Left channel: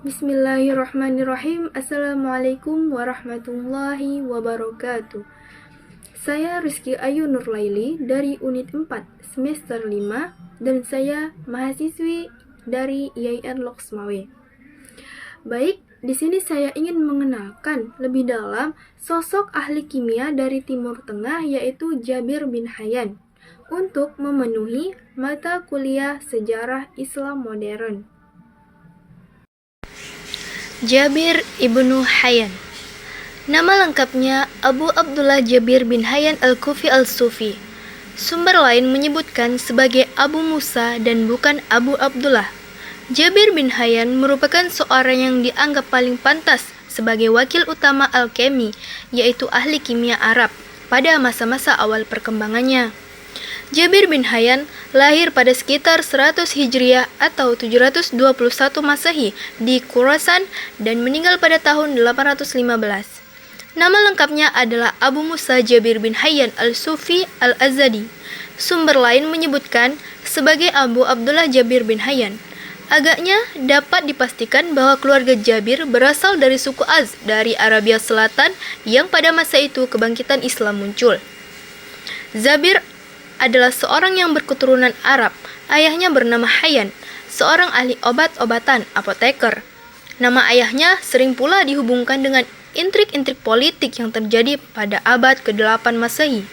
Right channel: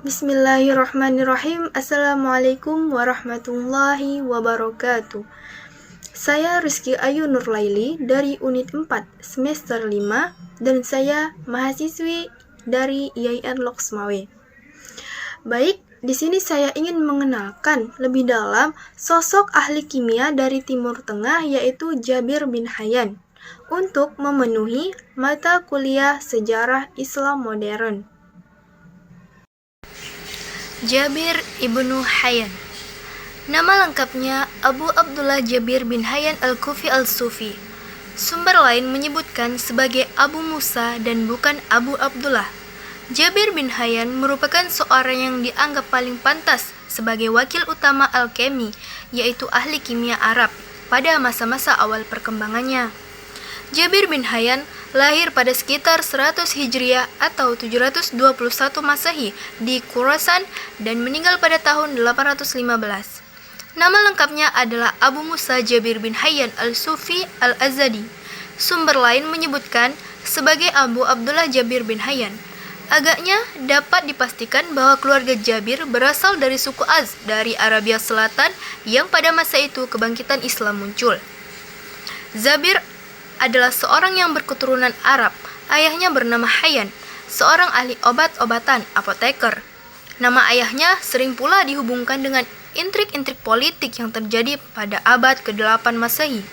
Bismillahirrahmanirrahim. Assalamualaikum warahmatullahi wabarakatuh. Saya Rizky Ayu Nurlaili dari Unit 4 Semester 5 dan saya mahasiswi dari IAIN Loksmawe. Baik, di sini saya ingin mengenalkan lebih dalam sosok ahli kimia dari Timur Tengah yaitu Jabir bin Hayyan untuk memenuhi mata kuliah Sejarah Islam Modern. Jabir ibnu Hayyan. Nama lengkapnya Abu Abdullah Jabir bin Hayyan al-Kufi al-Sufi. Sumber lain menyebutkan sebagai Abu Musa dan bukan Abu Abdullah. Jabir bin Hayyan merupakan seorang yang dianggap paling pantas sebagai wakil utama alkemi, yaitu ahli kimia Arab, pada masa-masa awal perkembangannya. Jabir bin Hayyan lahir pada sekitar 100 Hijriah atau 721 Masehi di Khurasan dan meninggal pada tahun 815. Nama lengkapnya adalah Abu Musa Jabir bin Hayyan al-Sufi al-Azadi. Sumber lain menyebutkan sebagai Abu Abdullah Jabir bin Hayyan. Agaknya dapat dipastikan bahwa keluarga Jabir berasal dari suku Az dari Arabia Selatan yang pada masa itu kebangkitan Islam muncul. Jabir adalah seorang yang berketurunan Arab. Ayahnya bernama Hayyan, seorang ahli obat-obatan, apoteker. Nama ayahnya sering pula dihubungkan dengan intrik-intrik politik yang terjadi pada abad ke-8 Masehi,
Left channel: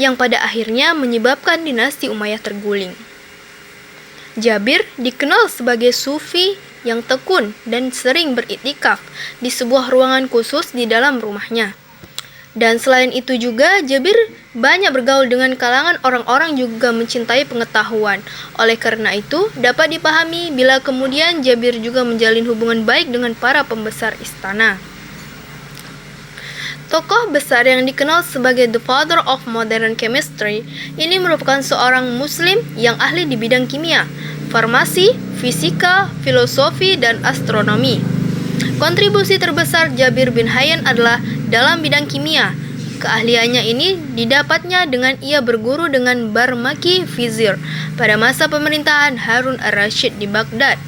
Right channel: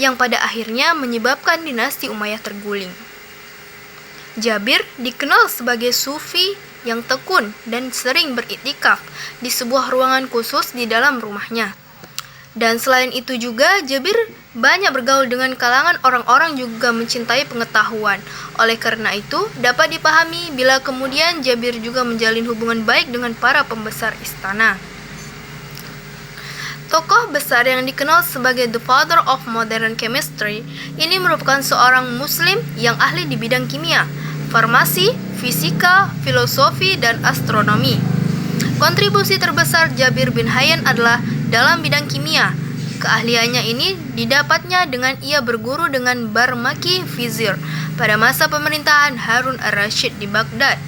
yang pada akhirnya menyebabkan dinasti Umayyah terguling. Jabir dikenal sebagai sufi yang tekun dan sering beriktikaf di sebuah ruangan khusus di dalam rumahnya. Dan selain itu juga, Jabir banyak bergaul dengan kalangan orang-orang juga mencintai pengetahuan. Oleh karena itu, dapat dipahami bila kemudian Jabir juga menjalin hubungan baik dengan para pembesar istana. Tokoh besar yang dikenal sebagai The Father of Modern Chemistry ini merupakan seorang muslim yang ahli di bidang kimia, farmasi, fisika, filosofi, dan astronomi. Kontribusi terbesar Jabir bin Hayyan adalah dalam bidang kimia. Keahliannya ini didapatnya dengan ia berguru dengan Barmaki Vizir pada masa pemerintahan Harun ar-Rasyid di Baghdad.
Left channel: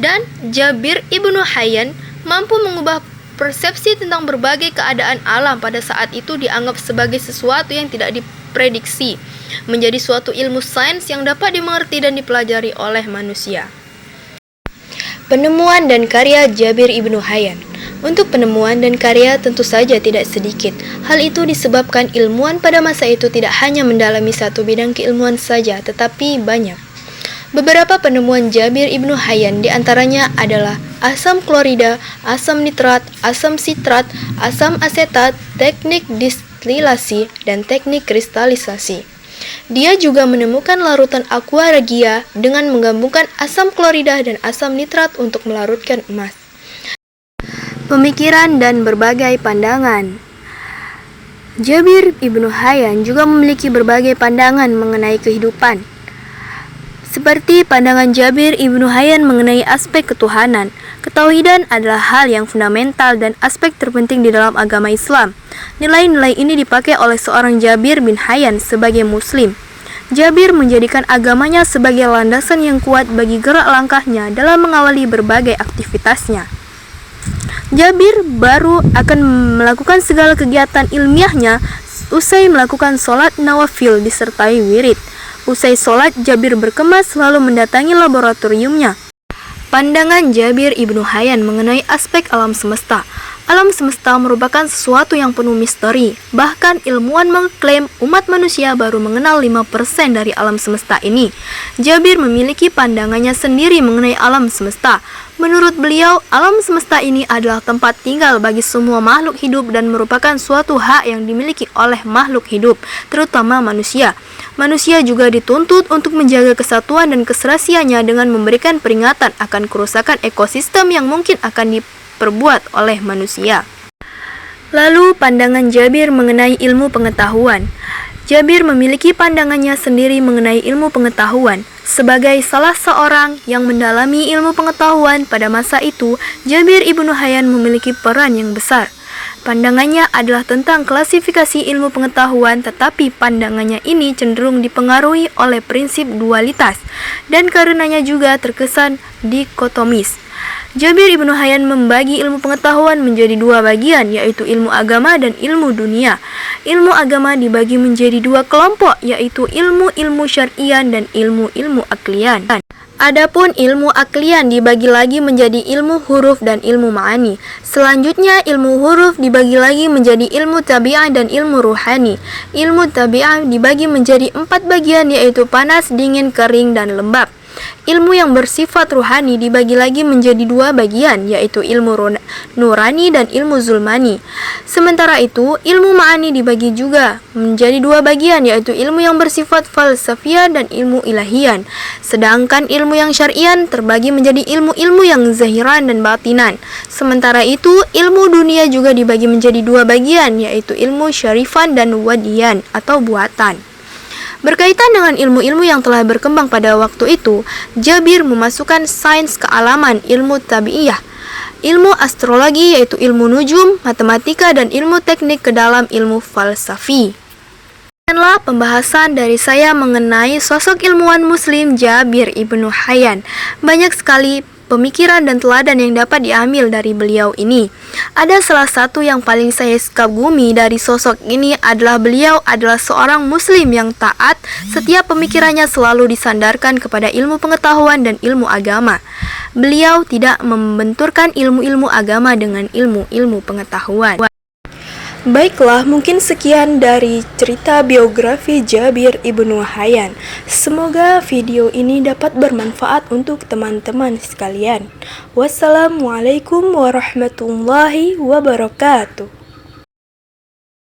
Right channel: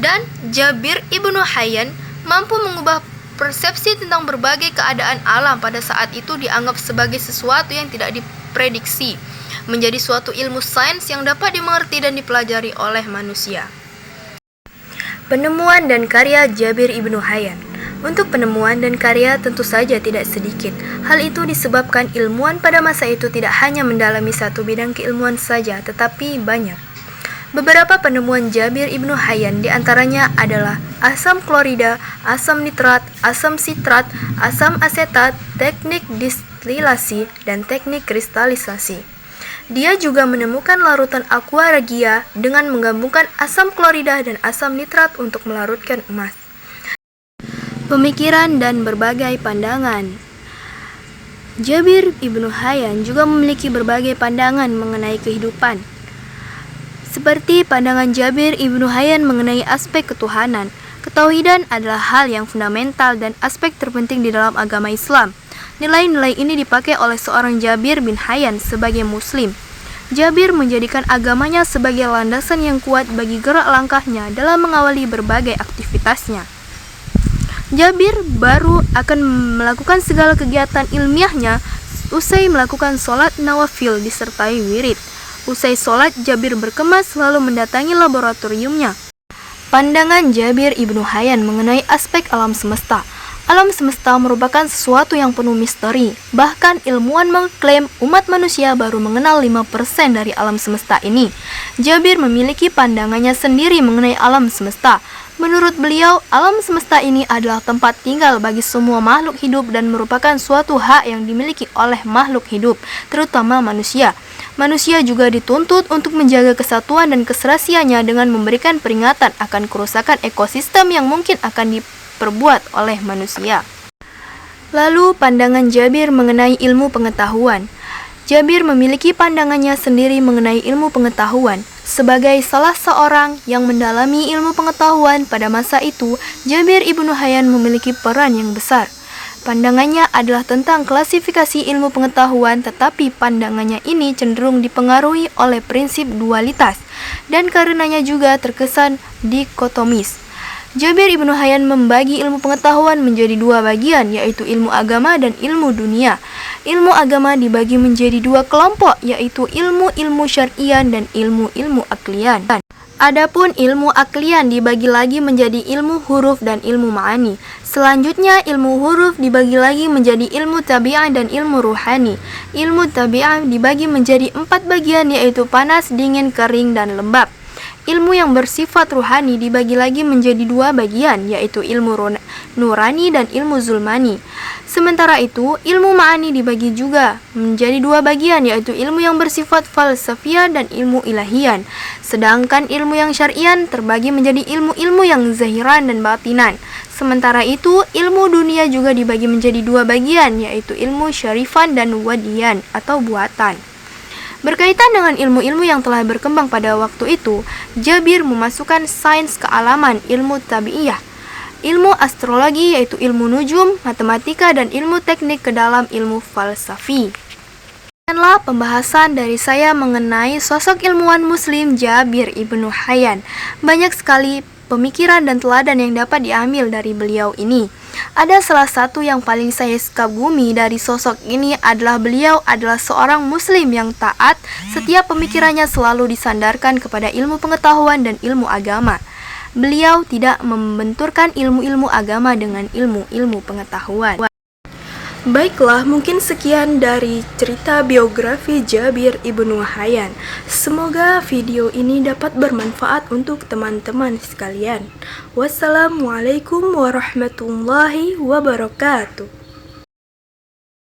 Dan Jabir ibnu Hayyan mampu mengubah persepsi tentang berbagai keadaan alam pada saat itu dianggap sebagai sesuatu yang tidak diprediksi, menjadi suatu ilmu sains yang dapat dimengerti dan dipelajari oleh manusia. Penemuan dan karya Jabir ibnu Hayyan. Untuk penemuan dan karya tentu saja tidak sedikit. Hal itu disebabkan ilmuwan pada masa itu tidak hanya mendalami satu bidang keilmuan saja, tetapi banyak. Beberapa penemuan Jabir ibnu Hayyan diantaranya adalah asam klorida, asam nitrat, asam sitrat, asam asetat, teknik distilasi, dan teknik kristalisasi. Dia juga menemukan larutan aqua regia dengan menggabungkan asam klorida dan asam nitrat untuk melarutkan emas. Pemikiran dan berbagai pandangan. Jabir ibnu Hayyan juga memiliki berbagai pandangan mengenai kehidupan. Seperti pandangan Jabir ibnu Hayyan mengenai aspek ketuhanan. Ketauhidan adalah hal yang fundamental dan aspek terpenting di dalam agama Islam. Nilai-nilai ini dipakai oleh seorang Jabir bin Hayyan sebagai muslim. Jabir menjadikan agamanya sebagai landasan yang kuat bagi gerak langkahnya dalam mengawali berbagai aktivitasnya. Jabir baru akan melakukan segala kegiatan ilmiahnya usai melakukan sholat nawafil disertai wirid. Usai sholat, Jabir berkemas lalu mendatangi laboratoriumnya. Pandangan Jabir ibnu Hayyan mengenai aspek alam semesta. Alam semesta merupakan sesuatu yang penuh misteri. Bahkan ilmuwan mengklaim umat manusia baru mengenal 5% dari alam semesta ini. Jabir memiliki pandangannya sendiri mengenai alam semesta. Menurut beliau, alam semesta ini adalah tempat tinggal bagi semua makhluk hidup dan merupakan suatu hak yang dimiliki oleh makhluk hidup, terutama manusia. Manusia juga dituntut untuk menjaga kesatuan dan keserasiannya dengan memberikan peringatan akan kerusakan ekosistem yang mungkin akan diperbuat oleh manusia. Lalu pandangan Jabir mengenai ilmu pengetahuan. Jabir memiliki pandangannya sendiri mengenai ilmu pengetahuan. Sebagai salah seorang yang mendalami ilmu pengetahuan pada masa itu, Jabir ibnu Hayyan memiliki peran yang besar. Pandangannya adalah tentang klasifikasi ilmu pengetahuan, tetapi pandangannya ini cenderung dipengaruhi oleh prinsip dualitas, dan karenanya juga terkesan dikotomis. Jabir ibnu Hayyan membagi ilmu pengetahuan menjadi dua bagian, yaitu ilmu agama dan ilmu dunia. Ilmu agama dibagi menjadi dua kelompok, yaitu ilmu-ilmu syar'ian dan ilmu-ilmu aklian. Adapun ilmu aklian dibagi lagi menjadi ilmu huruf dan ilmu ma'ani. Selanjutnya ilmu huruf dibagi lagi menjadi ilmu tabi'ah dan ilmu ruhani. Ilmu tabi'ah dibagi menjadi 4 bagian, yaitu panas, dingin, kering, dan lembab. Ilmu yang bersifat ruhani dibagi lagi menjadi 2 bagian, yaitu ilmu nurani dan ilmu zulmani. Sementara itu, ilmu ma'ani dibagi juga menjadi 2 bagian, yaitu ilmu yang bersifat falsafiyah dan ilmu ilahian. Sedangkan ilmu yang syar'ian terbagi menjadi ilmu-ilmu yang zahiran dan batinan. Sementara itu, ilmu dunia juga dibagi menjadi 2 bagian, yaitu ilmu syarifan dan wadiyan atau buatan. Berkaitan dengan ilmu-ilmu yang telah berkembang pada waktu itu, Jabir memasukkan sains kealaman, ilmu tabi'iyah, ilmu astrologi yaitu ilmu nujum, matematika, dan ilmu teknik ke dalam ilmu falsafi. Demikianlah pembahasan dari saya mengenai sosok ilmuwan muslim Jabir ibnu Hayyan. Banyak sekali pemikiran dan teladan yang dapat diambil dari beliau ini. Ada salah satu yang paling saya kagumi dari sosok ini adalah beliau adalah seorang muslim yang taat. Setiap pemikirannya selalu disandarkan kepada ilmu pengetahuan dan ilmu agama. Beliau tidak membenturkan ilmu-ilmu agama dengan ilmu-ilmu pengetahuan. Baiklah, mungkin sekian dari cerita biografi Jabir ibnu Hayyan. Semoga video ini dapat bermanfaat untuk teman-teman sekalian. Wassalamualaikum warahmatullahi wabarakatuh.